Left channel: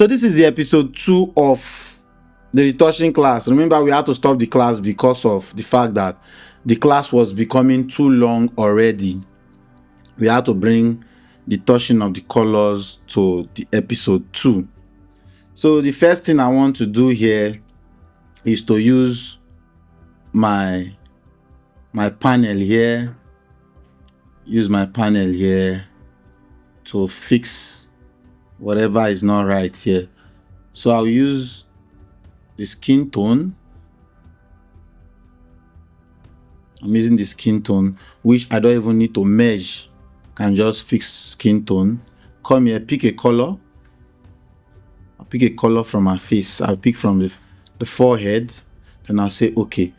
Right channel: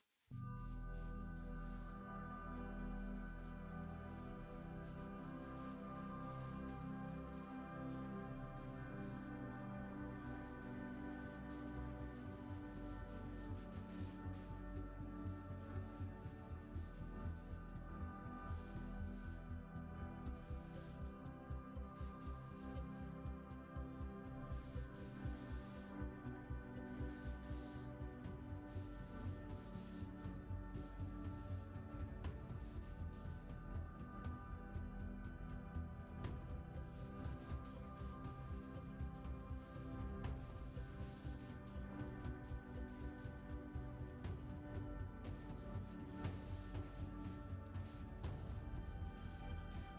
So this is the episode 2 of the retouching class. Remember, we had to stop the class because of the fact that the class was becoming too long already. We had to bring the touching of the colors to the episode 2. So the first thing I want to do here is to use my panel here. Use my panel here to fix whatever is not right here. So I'll use the skin tone. I'm using the skin tone, which I don't even need to measure. Can just fix skin tone. Come here, pick a color. I'll pick a color from my face. I'll pick from the forehead. Then I'll say okay.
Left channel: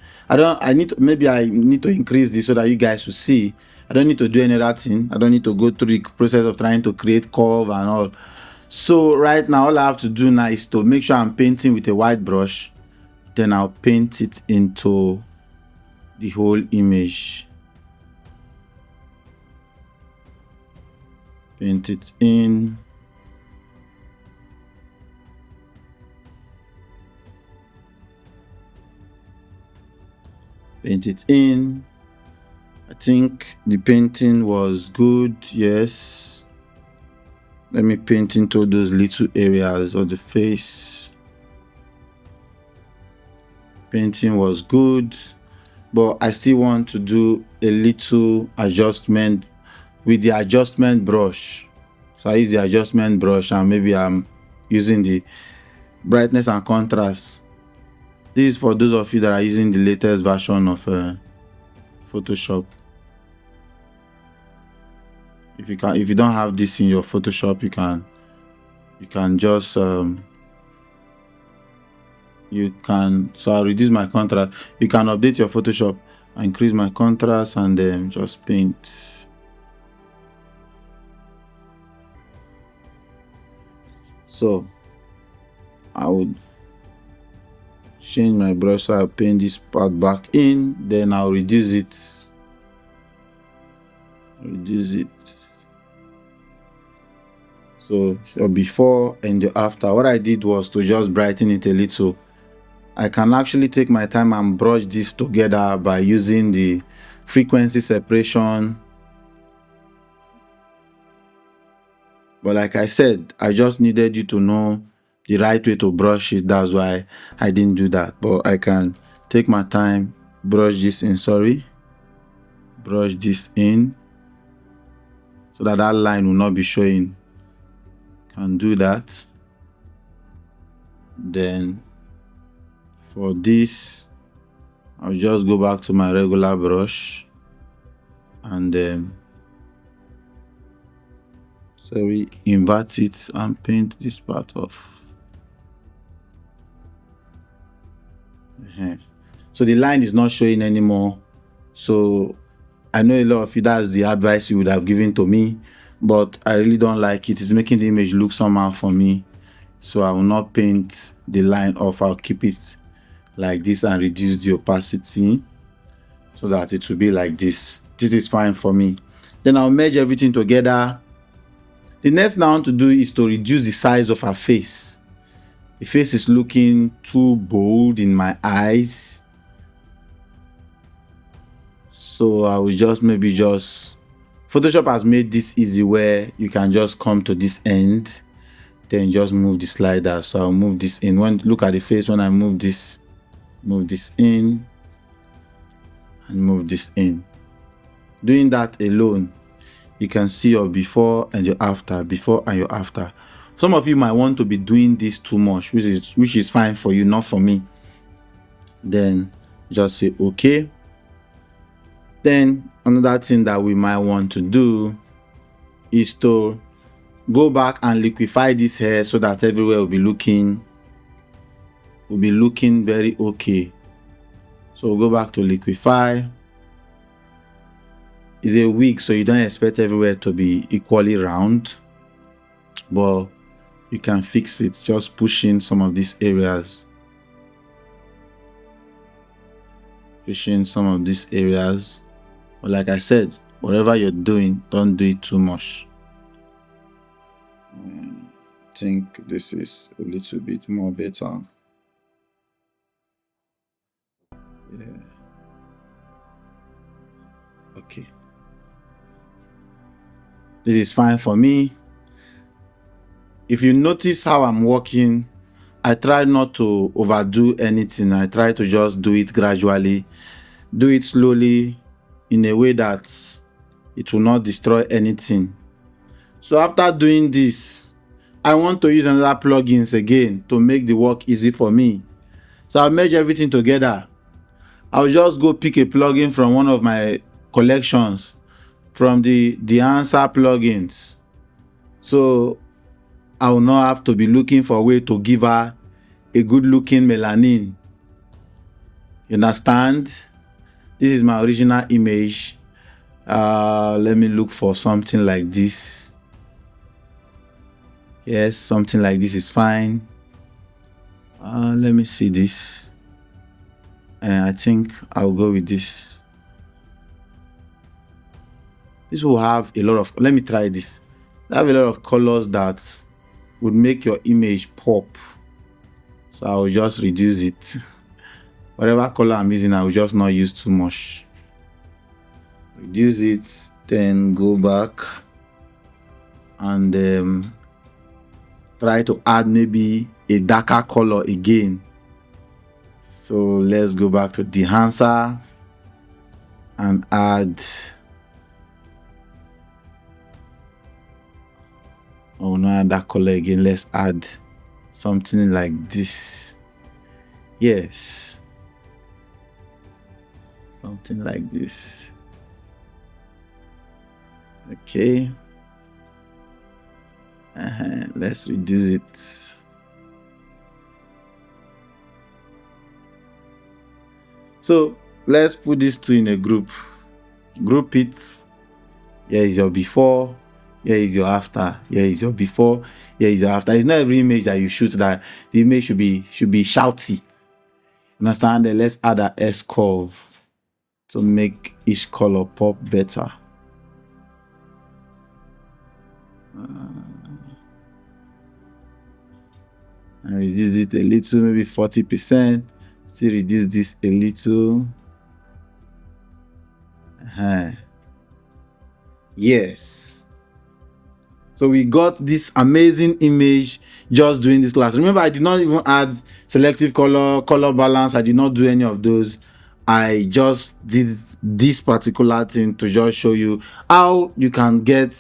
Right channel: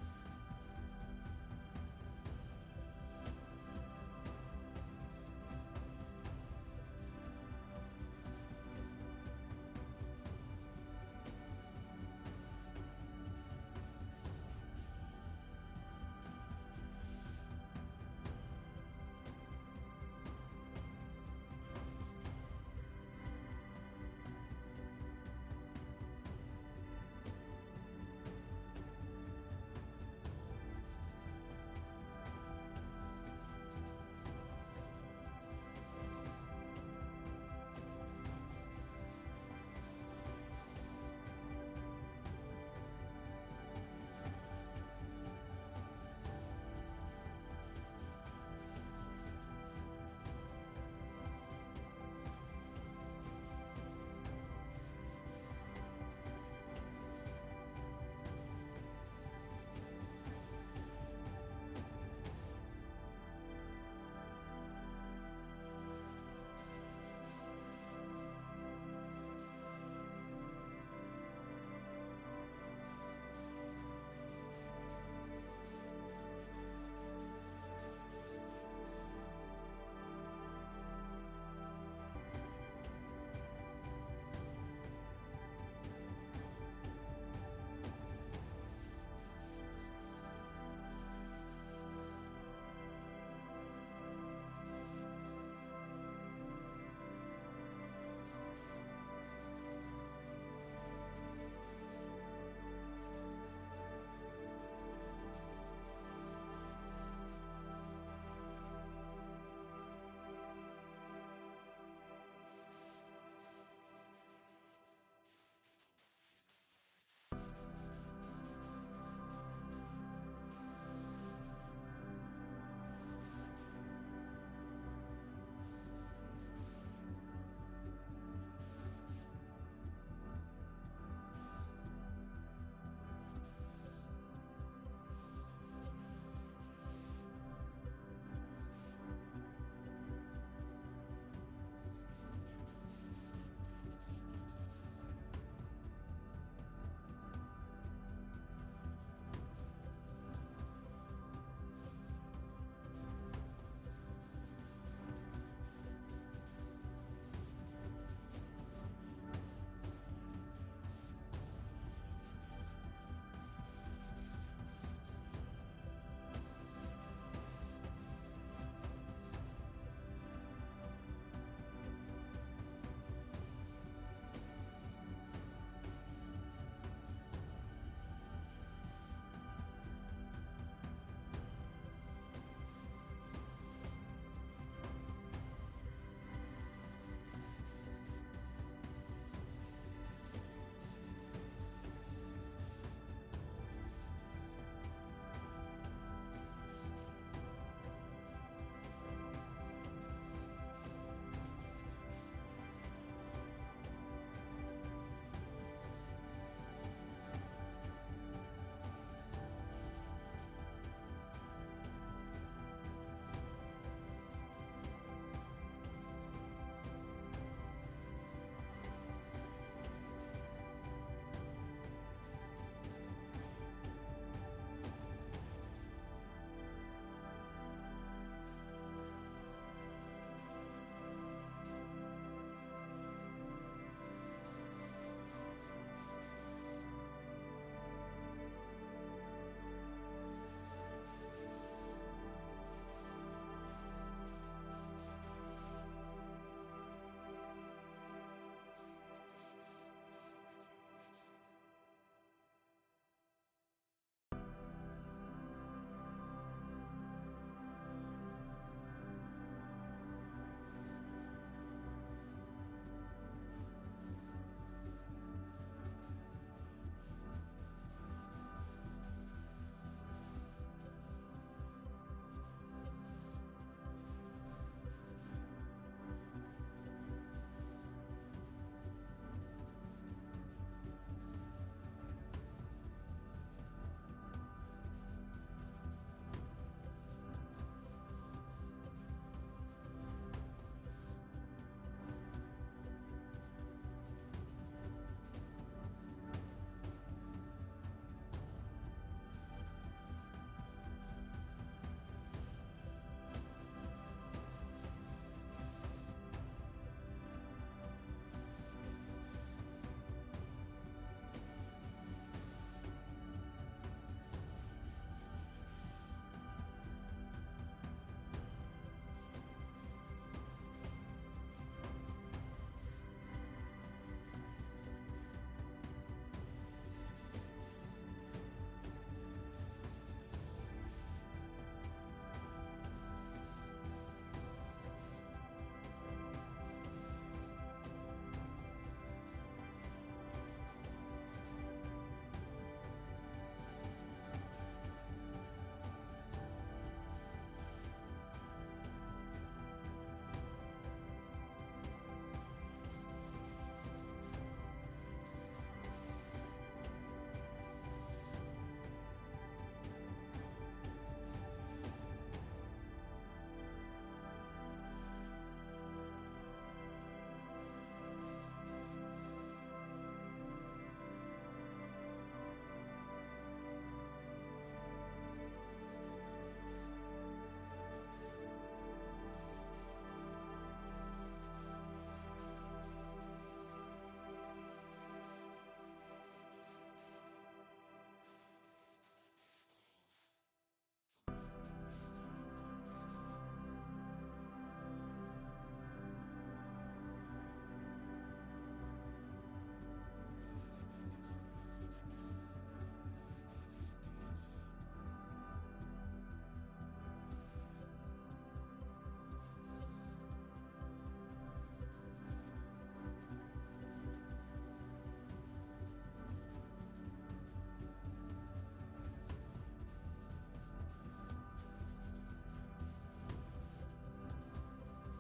Maybe I need to increase this so that you guys will see. I don't need to do any other thing. I don't need to go through the process of trying to create curve and all. So right now, all I have to do now is to make sure I'm painting with a white brush. Then I'll paint it into the whole image. Paint it in. Paint it in. I think the painting was good, yes. Let me paint into those little areas of the face. Painting was good, but I still want to do a little adjustment with the adjustment brush. So I use the adjustment brush and maybe I'm using the brightness and contrast. This is for those of you that are using the latest version of Photoshop. If you don't have this in your Photoshop, you can just so I'll reduce my contrast. You can update your Photoshop, increase my contrast, and then just paint. So I would change my brush so I'll paint this part back in, then I'll reduce it. So before and the after, what I did was to just brighten it a little. I can actually take my time and brush this together by using the frequency separation. But like I said, I just needed you to know the right way to brush it. That's why I didn't do that. But I can take my time, brush this in, brush this in so that line will not be showing. Can do that. Then for this, I'll just go back to my regular brush and then invert it and paint this part off. So the line is not showing anymore. So I know a lot of you, that's the advice you would have given to me, but I really don't like it. It's making the image look somehow for me. So I will not paint the line off. I'll keep it like this and reduce the opacity so that it will be like this. This is fine for me. Then I'll merge everything together. The next thing I want to do is to reduce the size of her face. The face is looking too bold in my eyes. So I will Photoshop has made this easy where you can just come to this end, then just move the slider. So I'll move this in. Look at the face when I move this in and move this in. Doing that alone, you can see your before and your after, before and your after. Some of you might want to be doing this too much, which is fine for you, not for me. Then just say okay. Then another thing that we might want to do is to go back and liquefy this hair so that everywhere will be looking very okay. So we'll go back to liquefy. It's a wig, so you don't expect everywhere to be equally round, but you can fix it just pushing some of these areas. But like I said, whatever you're doing, don't do it too much. think this is a little bit more better. Yeah. Okay. This is fine for me. If you notice how I'm working, I try not to overdo anything. I try to just do it gradually, do it slowly in a way that it will not destroy anything. So after doing this, I want to use another plugins again to make the work easy for me. So I'll merge everything together. I'll just go pick a plugin from one of my collections from the answer plugins. So I will not have to be looking for a way to give her a good looking melanin. You understand? This is my original image. Let me look for something like this. Yes, something like this is fine. Let me see this. And I think I'll go with this. This will have a lot of, let me try this. I have a lot of colors that would make your image pop. So I will just reduce it. Whatever color I'm using, I will just not use too much. Reduce it, then go back and try to add maybe a darker color again. So let's go back to the enhancer and add, oh no, that color again. Let's add something like this. Yes, something like this. Okay. Let's reduce it. So let's put these two in a group. Group it. Here is your before. Here is your after. Here is your before. Here is your after. It's not every image that you shoot that the image should be shouty. Understand? Then let's add an S curve to make each color pop better. And reduce it a little, maybe 40%. Still reduce this a little. Yes. So we got this amazing image just doing this class. Remember, I did not even add selective color balance. I did not do any of those. I just did this particular thing to just show you how you can get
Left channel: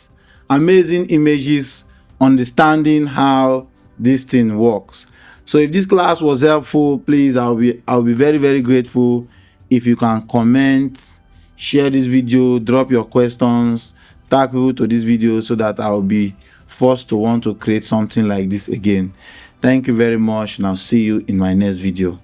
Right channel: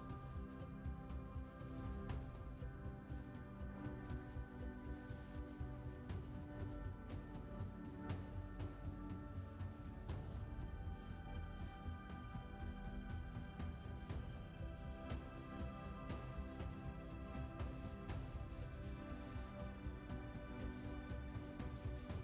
amazing images, understanding how this thing works. So if this class was helpful, please, I'll be very, very grateful if you can comment, share this video, drop your questions, tag people to this video so that I'll be forced to want to create something like this again. Thank you very much, and I'll see you in my next video.